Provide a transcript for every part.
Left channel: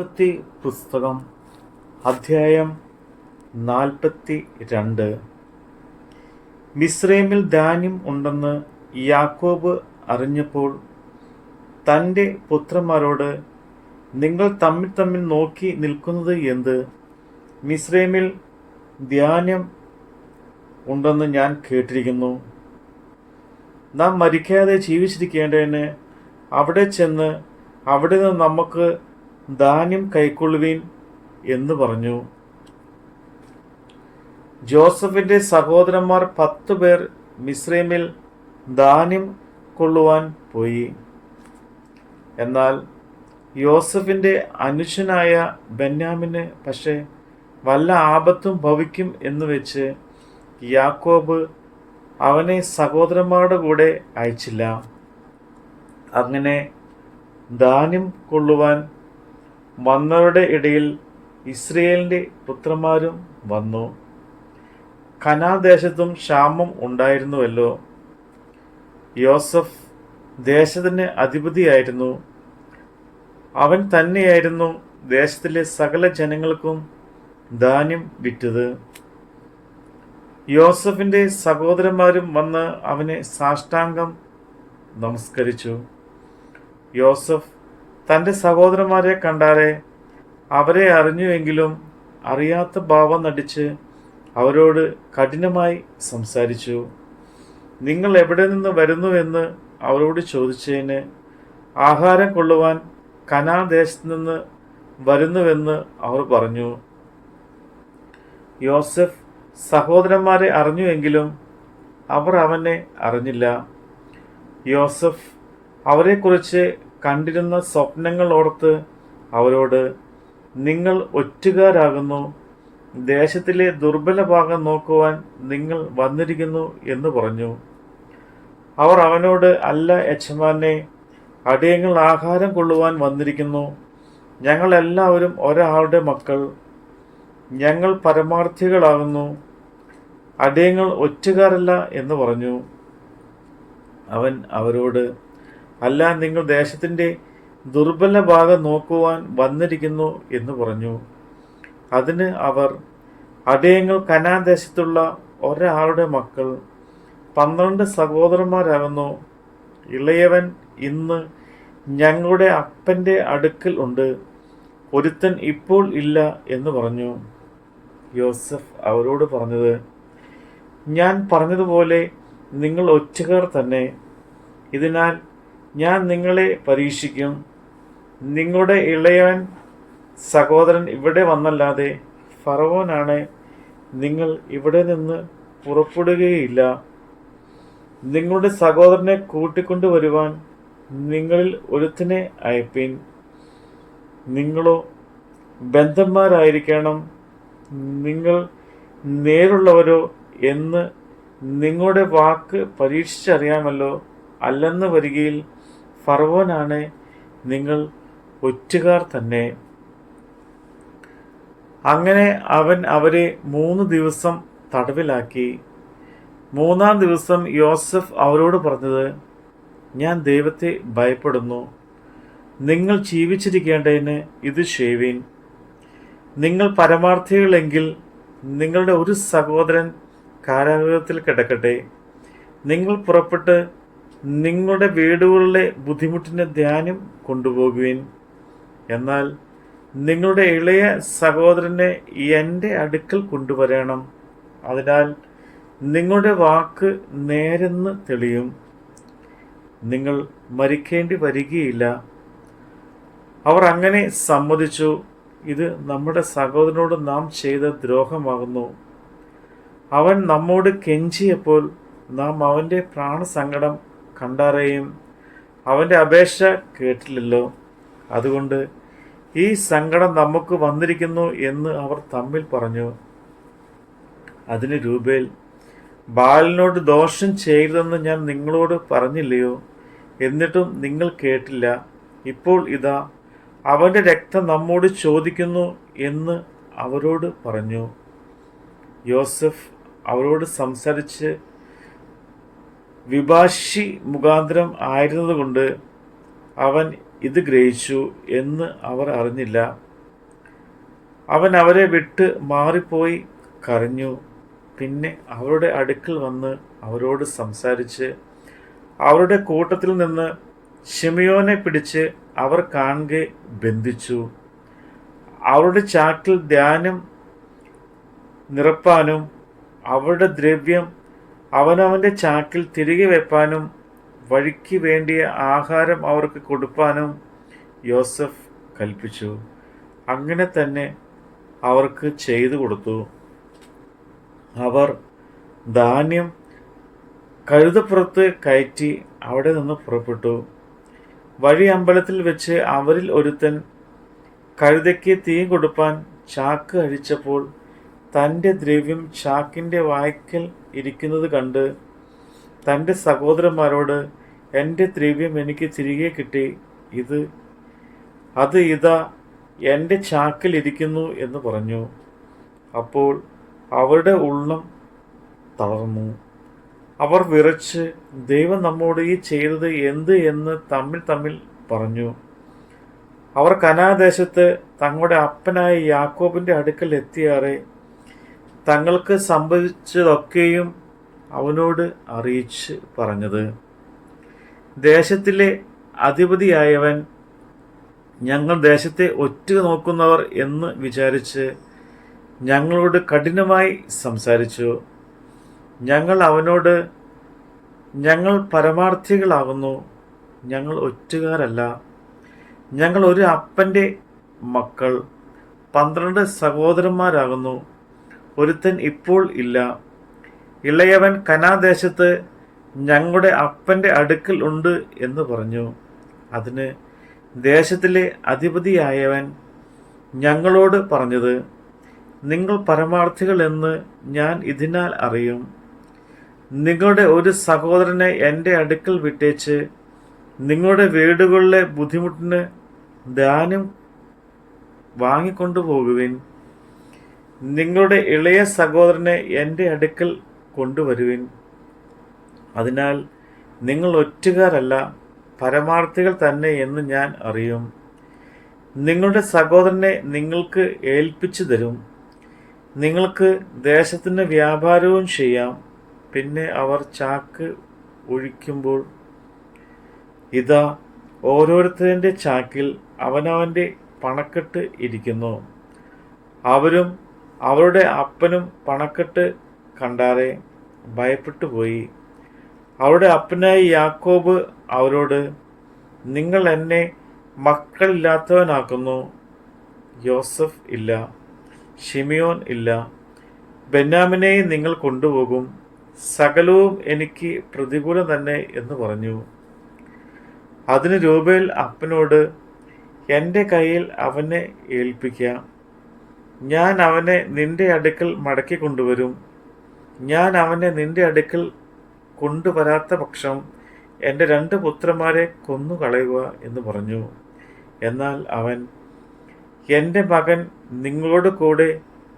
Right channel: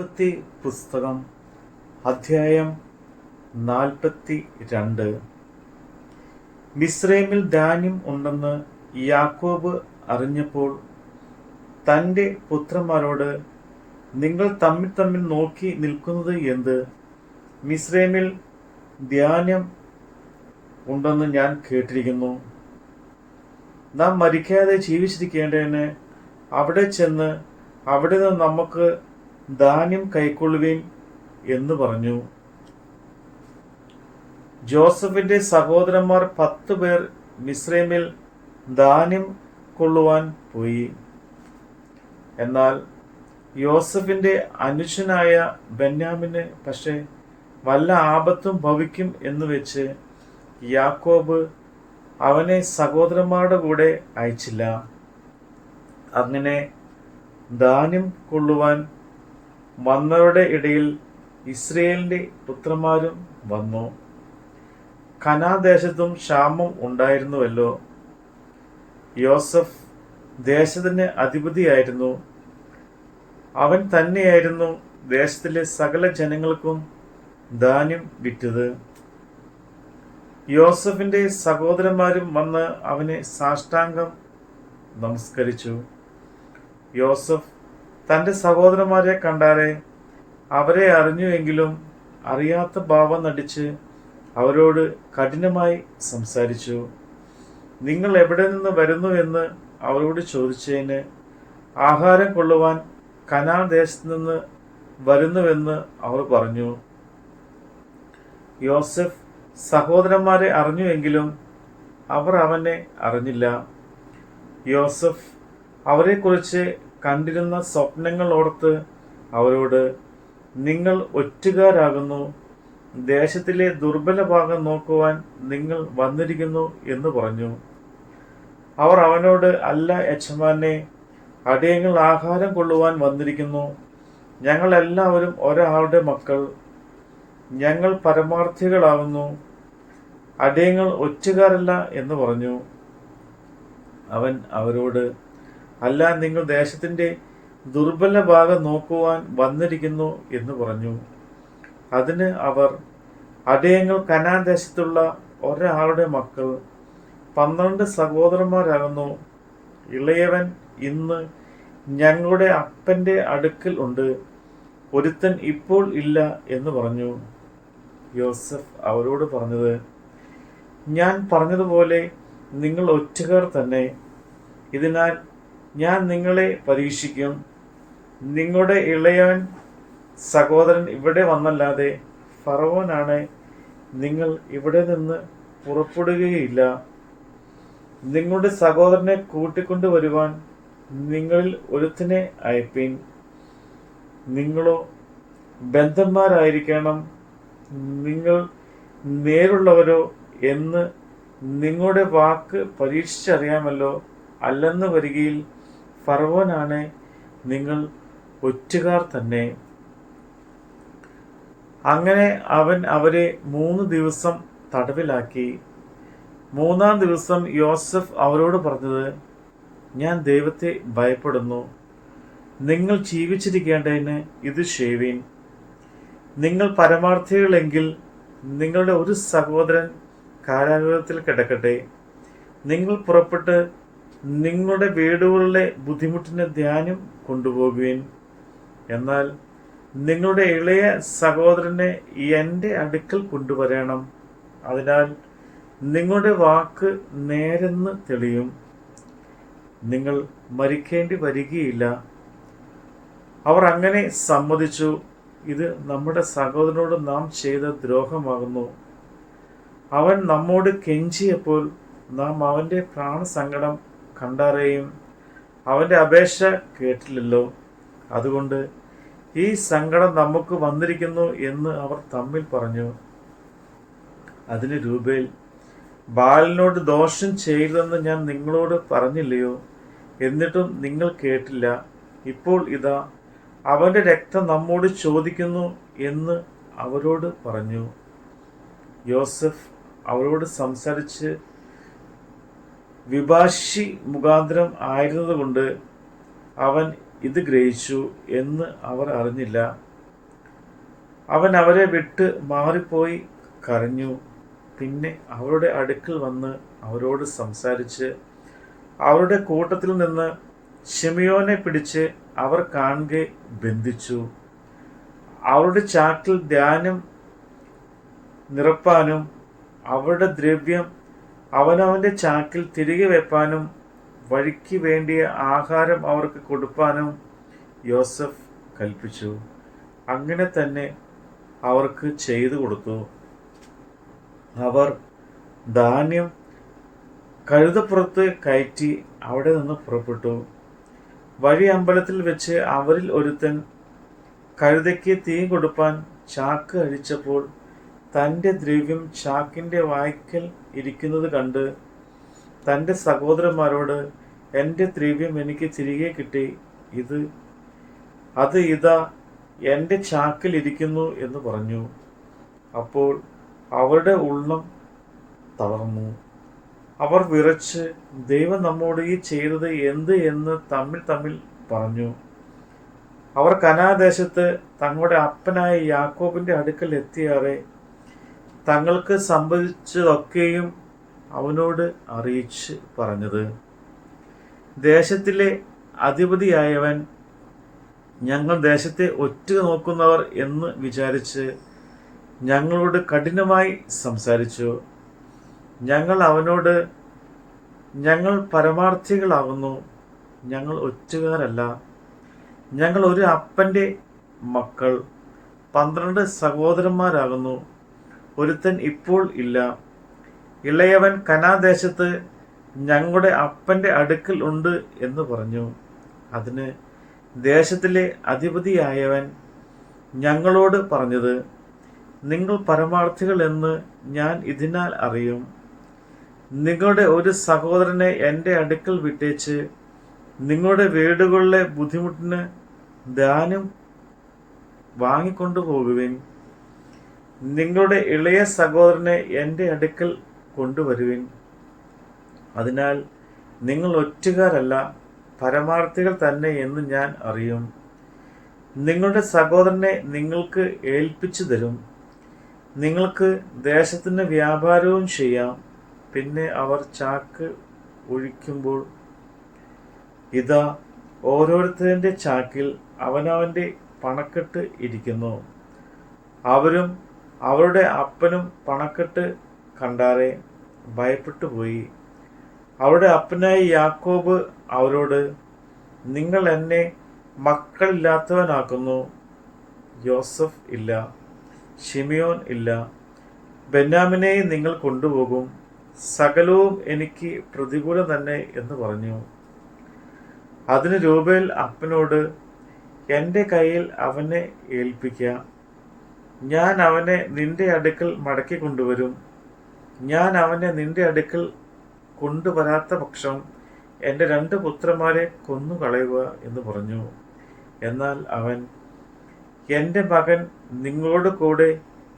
ഉൽപ്പത്തി പുസ്തകം അധ്യായം 42. മിസ്രൈമിൽ ധാന്യം ഉണ്ടെന്ന് യാക്കോബ് അറിഞ്ഞപ്പോൾ തൻ്റെ പുത്രന്മാരോട്, നിങ്ങൾ തമ്മിൽ തമ്മിൽ നോക്കി നിൽക്കുന്നത് എന്ത്? മിസ്രൈമിൽ ധാന്യം ഉണ്ടെന്ന് ഞാൻ കേട്ടിരിക്കുന്നു. നാം മരിക്കാതെ ജീവിച്ചിരിക്കേണ്ടതിന് അവിടെ ചെന്ന് അവിടെ നിന്ന് നമുക്ക് ധാന്യം കൈക്കൊള്ളുവീൻ എന്ന് പറഞ്ഞു. ജോസഫിന്റെ സഹോദരന്മാർ 10 പേർ മിസ്രൈമിൽ ധാന്യം കൊള്ളുവാൻ പോയി. എന്നാൽ യോസഫിന്റെ അനുജനായ ബെന്യാമിന് പക്ഷെ വല്ല ആപത്തും ഭവിക്കും എന്ന് വെച്ച് യാക്കോബ് അവനെ സഹോദരന്മാരുടെ കൂടെ അയച്ചില്ല. അങ്ങനെ ധാന്യം കൊള്ളുവാൻ വന്നവരുടെ ഇടയിൽ ഇസ്രയേലിന്റെ പുത്രന്മാരും വന്നു. കനാൻദേശത്തും ക്ഷാമം ഉണ്ടായിരുന്നുവല്ലോ. യോസഫ് ദേശത്തിന് അധിപതിയായിരുന്നു. അവൻ തന്നെയായിരുന്നു ദേശത്തിലെ സകല ജനങ്ങൾക്കും ധാന്യം വിറ്റത്. യോസഫിന്റെ സഹോദരന്മാരും വന്ന് അവനെ സാഷ്ടാംഗം നമസ്കരിച്ചു. യോസഫ് തൻ്റെ സഹോദരന്മാരെ കണ്ടാരെ അവരെ അറിഞ്ഞുവെങ്കിലും അറിയാത്ത ഭാവം നടിച്ച് അവരോട് കഠിനമായി സംസാരിച്ചു. നിങ്ങൾ എവിടെ നിന്ന് വരുന്നുവെന്ന് അവരോട് ചോദിച്ചതിന് ആഹാരം കൊള്ളുവാൻ കനാൻ ദേശത്ത് നിന്ന് വരുന്നുവെന്ന് അവർ പറഞ്ഞു. യോസഫ് സഹോദരന്മാരെ അറിഞ്ഞുവെങ്കിലും അവർ അവനെ അറിഞ്ഞില്ല. യോസഫ് അവരെക്കുറിച്ച് കണ്ടിരുന്ന സ്വപ്നങ്ങൾ ഓർത്ത് അവരോട്, നിങ്ങൾ ഒറ്റുകാരാകുന്നു, ദേശത്തിലെ ദുർബല ഭാഗം നോക്കുവാൻ നിങ്ങൾ വന്നിരിക്കുന്നു എന്ന് പറഞ്ഞു. അവർ അവനോട്, അല്ല യജമാനെ, അടിയങ്ങൾ ആഹാരം കൊള്ളുവാൻ വന്നിരിക്കുന്നു. ഞങ്ങൾ എല്ലാവരും ഒരാളുടെ മക്കൾ, ഞങ്ങൾ പരമാർത്ഥികളാകുന്നു, അടിയങ്ങൾ ഒറ്റുകാരല്ല എന്ന് പറഞ്ഞു. അവൻ അവരോട്, അല്ല, നിങ്ങൾ ദേശത്തിൻ്റെ ദുർബല ഭാഗം നോക്കുവാൻ വന്നിരിക്കുന്നു എന്ന് പറഞ്ഞു. അതിന് അവർ, അടിയങ്ങൾ കനാൻ ദേശത്തുള്ള ഒരാളുടെ മക്കൾ, 12 സഹോദരന്മാരാകുന്നു. ഇളയവൻ ഇന്ന് ഞങ്ങളുടെ അപ്പൻ്റെ അടുക്കൽ ഉണ്ട്, ഒരുത്തൻ ഇപ്പോൾ ഇല്ല എന്ന് പറഞ്ഞു. യോസഫ് അവരോട് പറഞ്ഞത്, ഞാൻ പറഞ്ഞതുപോലെ നിങ്ങൾ ഒറ്റുകാർ തന്നെ. ഇതിനാൽ ഞാൻ നിങ്ങളെ പരീക്ഷിക്കും. നിങ്ങളുടെ ഇളയവൻ സഹോദരൻ ഇവിടെ വന്നല്ലാതെ ഫറവോനാണ് നിങ്ങൾ ഇവിടെ നിന്ന് പുറപ്പെടുകയില്ല. നിങ്ങളുടെ സഹോദരനെ കൂട്ടിക്കൊണ്ടുവരുവാൻ നിങ്ങളിൽ ഒരുത്തിനെ അയപ്പീൻ. നിങ്ങളോ ബന്ധന്മാരായിരിക്കണം, നിങ്ങൾ നേരുള്ളവരോ എന്ന് നിങ്ങളുടെ വാക്ക് പരീക്ഷിച്ചറിയാമല്ലോ. അല്ലെന്ന് വരികയിൽ ഫറവോനാണ് നിങ്ങൾ ഒറ്റുകാർ തന്നെ. അങ്ങനെ അവൻ അവരെ 3 ദിവസം തടവിലാക്കി. 3-ാം ദിവസം യോസഫ് അവരോട് പറഞ്ഞത്, ഞാൻ ദൈവത്തെ ഭയപ്പെടുന്നു. നിങ്ങൾ ജീവിച്ചിരിക്കേണ്ടതിന് ഇത് ചെയ്യുവിൻ. നിങ്ങൾ പരമാർത്ഥികളെങ്കിൽ നിങ്ങളുടെ ഒരു സഹോദരൻ കാരാഗൃഹത്തിൽ കിടക്കട്ടെ. നിങ്ങൾ പുറപ്പെട്ട് നിങ്ങളുടെ വീടുകളിലെ ബുദ്ധിമുട്ടിന് ധാന്യം കൊണ്ടുപോകുവിൻ. എന്നാൽ നിങ്ങളുടെ ഇളയ സഹോദരനെ എൻ്റെ അടുക്കൽ കൊണ്ടുവരണം. അതിനാൽ നിങ്ങളുടെ വാക്ക് നേരെന്ന് തെളിയും. നിങ്ങൾ മരിക്കേണ്ടി വരികയില്ല. അവർ അങ്ങനെ സമ്മതിച്ചു. ഇത് നമ്മുടെ സഹോദരനോട് നാം ചെയ്ത ദ്രോഹമാകുന്നു. അവൻ നമ്മോട് കെഞ്ചിയപ്പോൾ നാം അവൻ്റെ പ്രാണസങ്കടം കണ്ടറിയും. അവൻ്റെ അപേക്ഷ കേട്ടില്ലല്ലോ. അതുകൊണ്ട് ഈ സങ്കടം നമുക്ക് വന്നിരിക്കുന്നു എന്ന് അവർ തമ്മിൽ പറഞ്ഞു. അതിന് രൂബേൽ, ബാലിനോട് ദോഷം ചെയ്തെന്ന് ഞാൻ നിങ്ങളോട് പറഞ്ഞില്ലയോ? എന്നിട്ടും നിങ്ങൾ കേട്ടില്ല. ഇപ്പോൾ ഇതാ അവൻ്റെ രക്തം നമ്മോട് ചോദിക്കുന്നു എന്ന് അവരോട് പറഞ്ഞു. യോസഫ് അവരോട് സംസാരിച്ച് വിഭാഷി മുഖാന്തരം ആയിരുന്നതുകൊണ്ട് അവൻ ഇത് ഗ്രഹിച്ചു എന്ന് അവർ അറിഞ്ഞില്ല. അവൻ അവരെ വിട്ട് മാറിപ്പോയി കരഞ്ഞു. പിന്നെ അവരുടെ അടുക്കൽ വന്ന് അവരോട് സംസാരിച്ച് അവരുടെ കൂട്ടത്തിൽ നിന്ന് ശിമയോനെ പിടിച്ച് അവർ കാണെ ബന്ധിച്ചു. അവരുടെ ചാക്കിൽ ധാന്യം നിറപ്പാനും അവരുടെ ദ്രവ്യം അവനവൻ്റെ ചാക്കിൽ തിരികെ വെപ്പാനും വഴിക്ക് വേണ്ടിയ ആഹാരം അവർക്ക് കൊടുപ്പാനും യോസഫ് കൽപ്പിച്ചു. അങ്ങനെ തന്നെ അവർക്ക് ചെയ്തു കൊടുത്തു. അവർ ധാന്യം കഴുതപ്പുറത്ത് കയറ്റി അവിടെ നിന്ന് പുറപ്പെട്ടു. വഴി അമ്പലത്തിൽ വെച്ച് അവരിൽ ഒരുത്തൻ കഴുതയ്ക്ക് തീ കൊടുപ്പാൻ ചാക്ക് അഴിച്ചപ്പോൾ തൻ്റെ ദ്രവ്യം ചാക്കിൻ്റെ വായ്ക്കൽ ഇരിക്കുന്നത് കണ്ട് തൻ്റെ സഹോദരന്മാരോട്, എൻ്റെ ദ്രവ്യം എനിക്ക് തിരികെ കിട്ടി, അത് ഇതാ എൻ്റെ ചാക്കിൽ ഇരിക്കുന്നു എന്ന് പറഞ്ഞു. അപ്പോൾ അവരുടെ ഉള്ളം തളർന്നു. അവർ വിറച്ച് ദൈവം നമ്മോട് ഈ ചെയ്തത് എന്ത് എന്ന് തമ്മിൽ പറഞ്ഞു. അവർ കനാദേശത്ത് തങ്ങളുടെ അപ്പനായ യാക്കോബിൻ്റെ അടുക്കൽ എത്തിയാറെ തങ്ങൾക്ക് സംഭവിച്ചതൊക്കെയും അവനോട് അറിയിച്ച് പറഞ്ഞത്. ദേശത്തിലെ അധിപതിയായവൻ ഞങ്ങൾ ദേശത്തെ ഒറ്റ നോക്കുന്നവർ എന്ന് വിചാരിച്ച് ഞങ്ങളോട് കഠിനമായി സംസാരിച്ചു. ഞങ്ങൾ അവനോട്, ഞങ്ങൾ പരമാർത്ഥികളാകുന്നു, ഞങ്ങൾ ഒറ്റുകാരല്ല, ഞങ്ങൾ ഒരു അപ്പൻ്റെ മക്കൾ, 12 സഹോദരന്മാരാകുന്നു, ഒരുത്തൻ ഇപ്പോൾ ഇല്ല. ഇളയവൻ കനാദേശത്ത് ഞങ്ങളുടെ അപ്പൻ്റെ അടുക്കൽ ഉണ്ട് എന്ന് പറഞ്ഞു. അതിന് ദേശത്തിലെ അധിപതിയായവൻ ഞങ്ങളോട് പറഞ്ഞത്, നിങ്ങൾ പരമാർത്ഥികൾ എന്ന് ഞാൻ ഇതിനാൽ അറിയും. നിങ്ങളുടെ ഒരു സഹോദരനെ എൻ്റെ അടുക്കൽ വിട്ടേച്ച് നിങ്ങളുടെ വീടുകളിലെ ബുദ്ധിമുട്ടിന് ധാന്യം വാങ്ങിക്കൊണ്ടുപോകുവിൻ. നിങ്ങളുടെ ഇളയ സഹോദരനെ എൻ്റെ അടുക്കൽ കൊണ്ടുവരുവിൻ. അതിനാൽ നിങ്ങൾ ഒറ്റുകാരല്ല, പരമാർത്ഥികൾ തന്നെ എന്ന് ഞാൻ അറിയും. നിങ്ങളുടെ സഹോദരനെ നിങ്ങൾക്ക് ഏൽപ്പിച്ചു തരും. നിങ്ങൾക്ക് ദേശത്തിന് വ്യാപാരവും ചെയ്യാം. പിന്നെ അവർ ചാക്ക് ഒഴിക്കുമ്പോൾ ഇതാ ഓരോരുത്തരുടെ ചാക്കിൽ അവനവൻ്റെ പണക്കെട്ട് ഇരിക്കുന്നു. അവരും അവരുടെ അപ്പനും പണക്കെട്ട് കണ്ടാറെ ഭയപ്പെട്ടു പോയി. അവരുടെ അപ്പനായ യാക്കോബ് അവരോട്, നിങ്ങൾ എന്നെ മക്കളില്ലാത്തവനാക്കുന്നു. യോസഫ് ഇല്ല, ശിമിയോൻ ഇല്ല, ബെന്യാമിനെയും നിങ്ങൾ കൊണ്ടുപോകും. സകലവും എനിക്ക് പ്രതികൂലം തന്നെ എന്ന് പറഞ്ഞു. അതിന് രൂബേൽ അപ്പനോട്, എൻ്റെ കയ്യിൽ അവനെ ഏൽപ്പിക്കാം. ഞാൻ അവനെ നിന്റെ അടുക്കൽ മടക്കി കൊണ്ടുവരും. ഞാൻ അവനെ നിന്റെ അടുക്കൽ കൊണ്ടുവരാത്ത പക്ഷം എൻ്റെ 2 പുത്രന്മാരെ കൊന്നുകളയുക എന്ന് പറഞ്ഞു. എന്നാൽ അവൻ, എൻ്റെ മകൻ നിങ്ങളോട് കൂടെ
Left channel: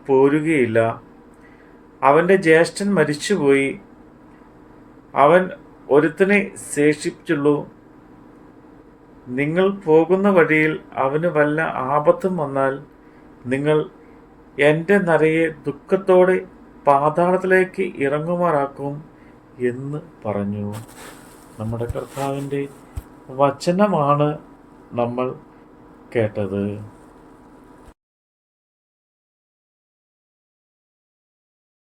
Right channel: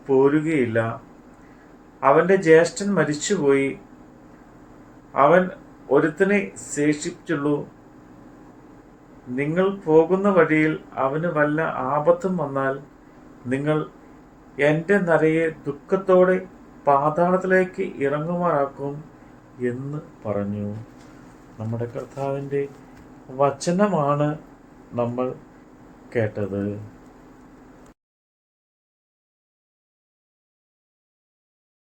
പോരുകയില്ല. അവൻ്റെ ജ്യേഷ്ഠൻ മരിച്ചുപോയി. അവൻ ഒരുത്തനെ ശേഷിച്ചുള്ളൂ. നിങ്ങൾ പോകുന്ന വഴിയിൽ അവന് വല്ല ആപത്തും വന്നാൽ നിങ്ങൾ എൻ്റെ നരയെ ദുഃഖത്തോടെ പാതാളത്തിലേക്ക് ഇറങ്ങുമാറാക്കും എന്ന് പറഞ്ഞു. നമ്മുടെ കർത്താവിൻ്റെ വചനമാണ് നമ്മൾ കേട്ടത്.